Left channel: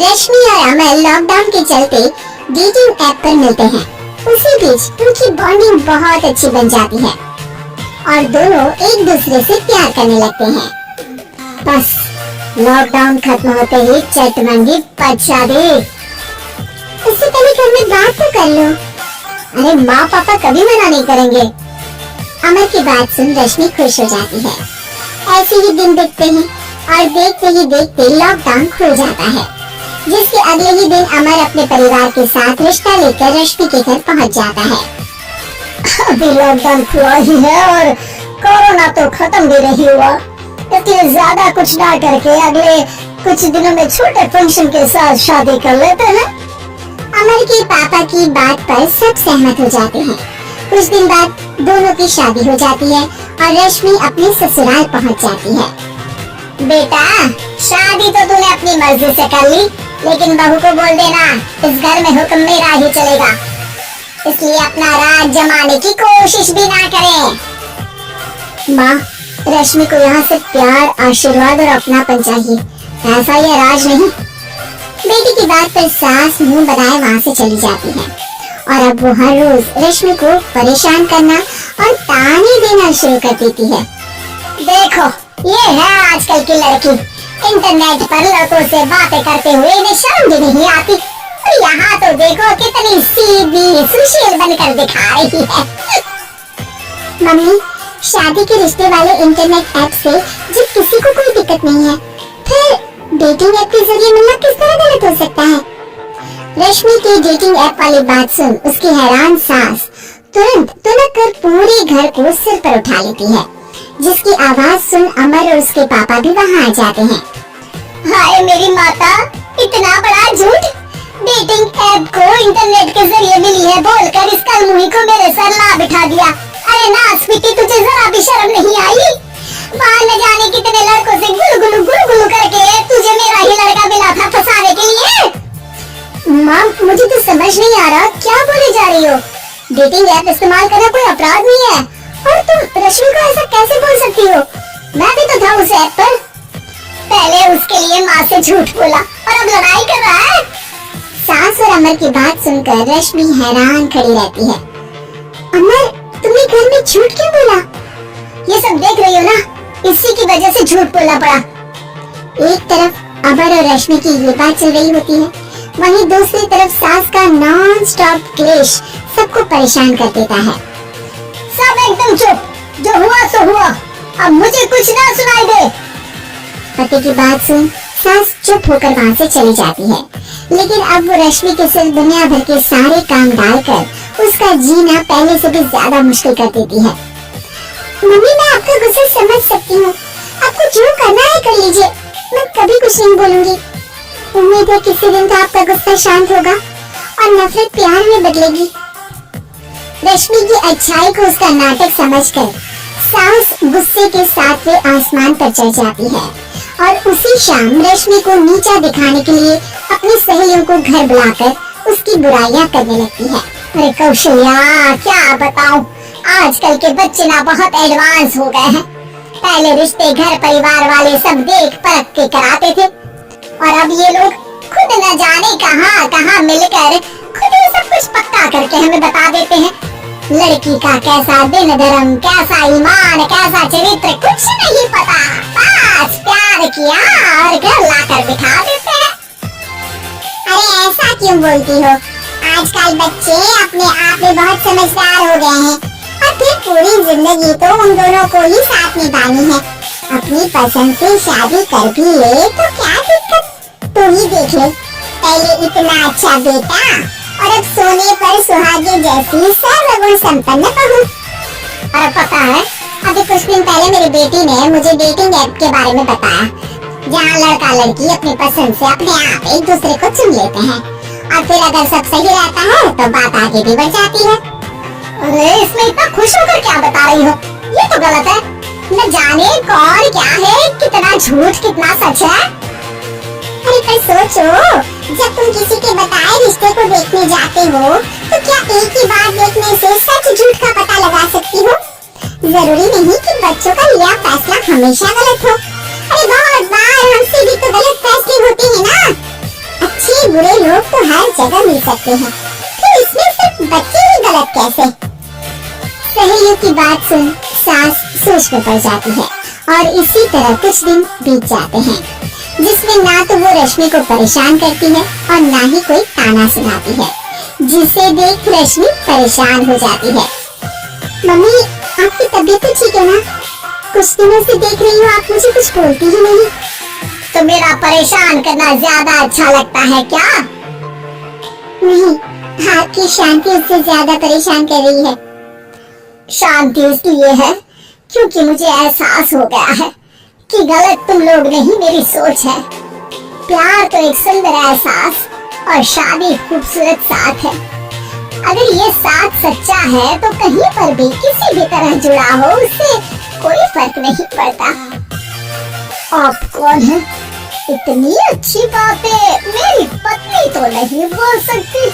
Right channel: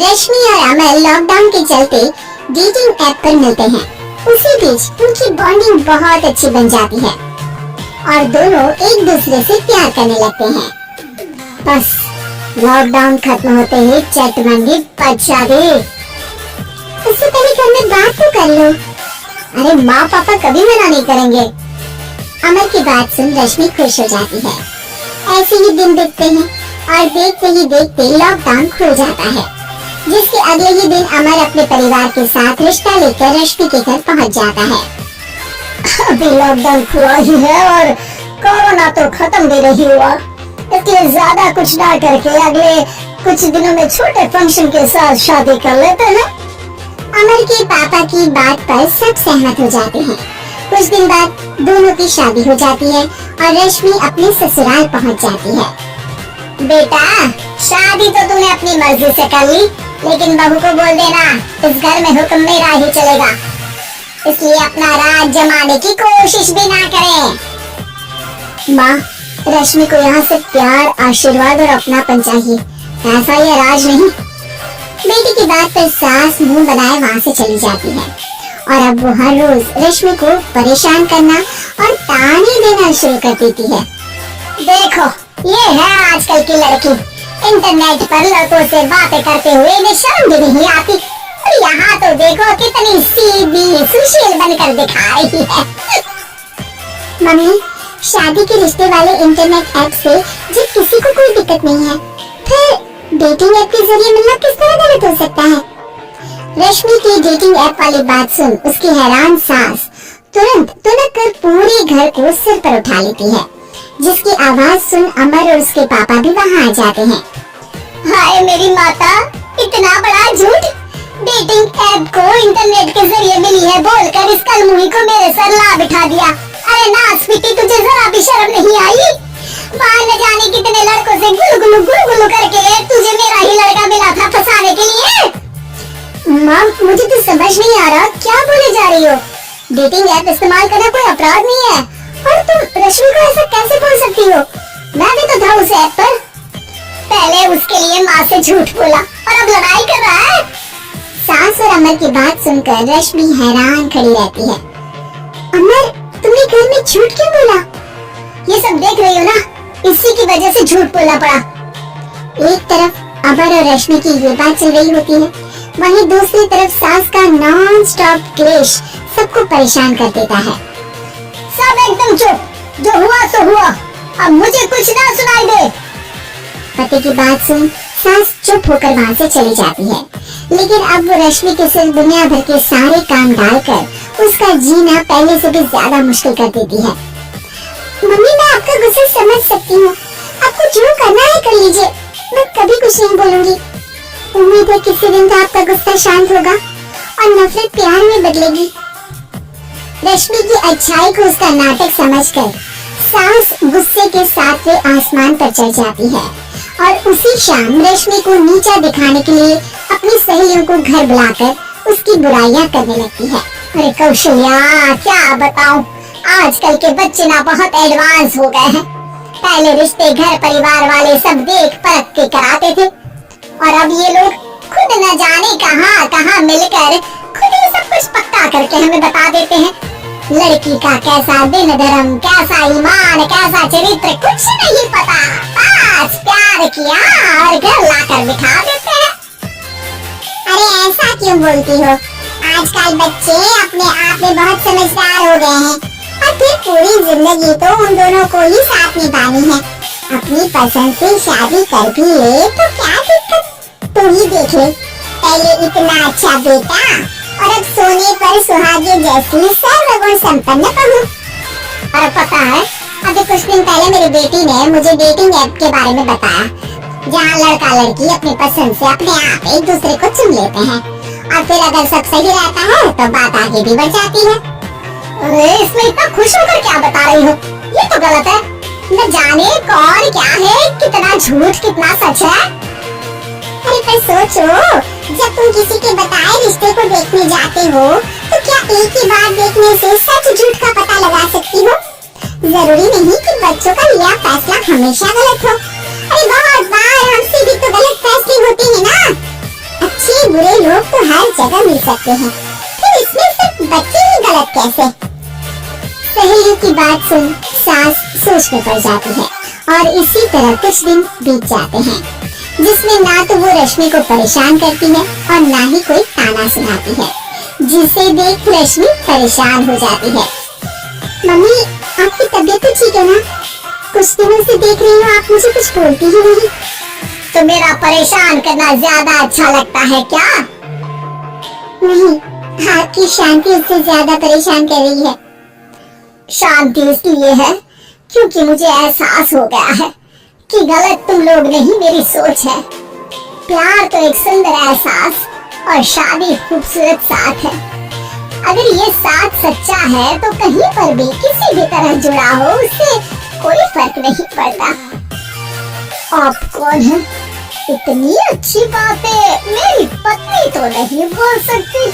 रश्मि और अमर लॉकडाउन के चलते डेटिंग ऐप पर मिलते हैं। उसी बीच उनकी बॉन्डिंग बहुत अच्छी बन जाती है और दोनों एक दूसरे से प्यार करने लगते हैं। बस लॉकडाउन खत्म होते ही चटमंगी पचा दे। उससे पहले घर में बात तो कर लो। अरे माँ पापा कभी मना नहीं करेंगे। अमर की बात सुन रश्मि खुश हो जाती है। ऐसे ही दिन बीतते हैं और देखते ही देखते लॉकडाउन खुल जाता है, जिसके अगले ही दिन अमर अपने परिवार के साथ रिश्ता लेकर रश्मि के घर पहुंच जाता है। अभी लॉकडाउन खुला ही है और कोरोना तो खत्म भी नहीं हुआ, इसलिए ज्यादा कुछ ना करके अगले कुछ दिनों में छोटे फंक्शन के साथ शादी कर लेते हैं। अमर के पापा की बात पर सब सहमत हो जाते हैं। कुछ दिन बाद दोनों की शादी हो जाती है और रश्मि अपने ससुराल पहुंच जाती है। बेटा, शादी तो तूने अपनी मर्जी से कर ली, लेकिन बहू को बोल देना इस घर में हुक्म मेरा ही चलेगा, इसलिए अपना राज जमाने की कोशिश भी ना करें। माँ, रश्मि को यहाँ से प्यार, आशीर्वाद और अपनापन चाहिए, ऐसा ये राज नहीं। बेटी की बात पर सास मुंह बनाए वहाँ से चली जाती है और अब वो हर रोज रश्मि को परेशान करना और ताने देना शुरू कर देती है। देखो, ये है आजकल की लड़की, इंटरनेट पर लड़कों से बातें करते हुए इन्हें शर्म भी नहीं आती, और यहाँ तो देखो कितनी सीधी सुशील बनकर दिखा रही है। मम्मी, शादी के रिश्ते वाले इंटरनेट ऐप से जब किसी को कोई दिक्कत नहीं है, फिर डेटिंग ऐप के जरिए मिलना किस तरह गलत हो सकता है? रश्मि की डेटिंग ऐप वाली बात सुन उसकी हैरान सास तुरंत तुनक कर पूरे घर को सिर पर उठा लेती है, जिसकी आवाज सुन अमर और उसके पापा भी वहाँ आ जाते हैं। हाय मेरी माता, इतना बड़ा झूठ! डेटिंग ऐप को इंटरनेट के जरिए मिली है बोलकर इस कलमुही को मेरे सर ला बिठा दिया। अरे नासपीटी, तुझे जरा भी शर्म नहीं आई? वहाँ न जाने कितने लड़कों से गुलगुलू करके तुझे मेरा ही लड़का मिला था फंसाने के लिए। माँ, मुझे तो समझ नहीं आ रहा क्या बोले जा रही हो। डेटिंग ऐप इस्तेमाल करना कोई अपराध नहीं है और तुम रश्मि को ऐसा कैसे बोल सकती हो? मैं भी तो था उस ऐप पर। पहले उसके लिए माँ से झूठ बोला और अब लड़ाई कर रहा है। सास और अमर की बात सुनकर रश्मि हैरान खड़ी रहती है। अमर, तुमने घर में झूठ क्यों बोला? ये सब देख रही हो ना, इसी की वजह से झूठ बोलना पड़ा। एक तरफ अमर और रश्मि की ये बात चल रही होती है, वहीं दूसरी तरफ सास का नॉन स्टॉप क्लेश सबको परेशान कर देता है। सब एकदम चुप, जो हुआ सो हुआ, अब मुझे कुछ ना सुनाई दे। पति की बात सुन सास चुप होकर वहाँ से चली जाती है, लेकिन अब वो रश्मि के सिर दुनिया भर के सारे काम डालकर उसका जीना पहले से भी ज्यादा मुश्किल कर देती है। मम्मी, मैं आपका गुस्सा समझ सकती हूँ, आपको जो करना है कर लीजिए, मैं कभी कुछ नहीं बोलूंगी। उम्मीद है किसी दिन तो आपका गुस्सा शांत होगा और नफरत प्यार में बदलेगी। रश्मि की अच्छाई को उसका नाटक समझकर सास गुस्से के सातवें आसमान पर चढ़ जाती है और उसी शाम रश्मि को नीचा दिखाने के लिए अपनी सहेलियों को घर बुलाकर उसकी बुराइयां करने लगती है। अरे कौशल्या, क्या बताऊं, आजकल के बच्चे ना बहुत एडवांस हो गए हैं। पहले रिश्ते घर परिवार वाले सब देख परख के कराते थे, और अब ये लोग खुद न जाने कहां कहां मिलकर खुद ही सब कुछ पक्का करके हमें बता देते हैं। लड़की का कैसा दिन धर्म, कैसा ईमान, कैसा चरित्र कुछ नहीं पता, बस प्यार किया और घर लाकर बिठा देते हैं। अरे ऐसा क्यों बोलती हो? आजकल बच्चे अपने आप में बहुत समझदार हो गए हैं और फिर पूरी जिंदगी तो उन दोनों को ही साथ निभानी है। अपनी पसंद से शादी कर भी ले तो क्या दिक्कत? तू ही देख ले, पहले इतना अच्छा बेटा और अब सोने पर सुहागे जैसी सर्वगुण संपन्न बहू। और पता है, अभी कुछ दिन पहले मेरी बेटी ने मुझे डेटिंग ऐप के बारे में बताया, जहाँ लड़का लड़की अपनी पसंद से अपने आप एक दूसरे को चुन लेते हैं और फिर अगर सब सही रहता है तो बात आगे भी बढ़ जाती है। अरे इसमें इतना खुश होकर क्या बता रही हो? ये तो गलत है। न जाने कौन क्या है, कितना झूठ कितना सच है। अरे पर सोचो, जब तुम किसी के बताए रिश्ते को देखने जाते हो तो क्या एक ही बात देखने से सच झूठ का पता लगा सकती हो? जरूरी नहीं कि बच्चों का लिया फैसला हमेशा गलत हो। अरे बहुत बार हमसे भी तो गलत फैसले होते हैं ना। जगह मिल सकते हैं। फिर इसमें सिर्फ बच्चे ही गलत कैसे? सहेलियों की बात सुन सास सोच में पड़ जाती है और इसी तरह कुछ दिन बीत जाते हैं जिसमें ना तो वो रश्मि को परेशान करती है और ना ही कोई ताना सुनाती है, जिसे देख रश्मि परेशान हो जाती है। मम्मी आपकी तबीयत तो ठीक है ना? कुछ दिनों से देख रही हूँ आप मुझे कुछ बोलती ही नहीं। तो मेरा परेशान करना ज्यादा अच्छा लगता है क्या? नहीं, आपकी शांति उससे ज्यादा परेशान कर रही है। शांति इसलिए है क्योंकि मुझे एहसास हो गया है कि गलत तुम लोग नहीं मेरी सोच है। प्यार तो एक सुंदर एहसास और शादी खूबसूरत साथ है। अगर ये साथ सच्चा है तो कहीं पर भी किसी भी तरह जुड़ा हो उससे कोई फर्क नहीं पड़ता। आप कौन है? इतनी अच्छी बातें मेरी पत्नी तो नहीं बोल सकती।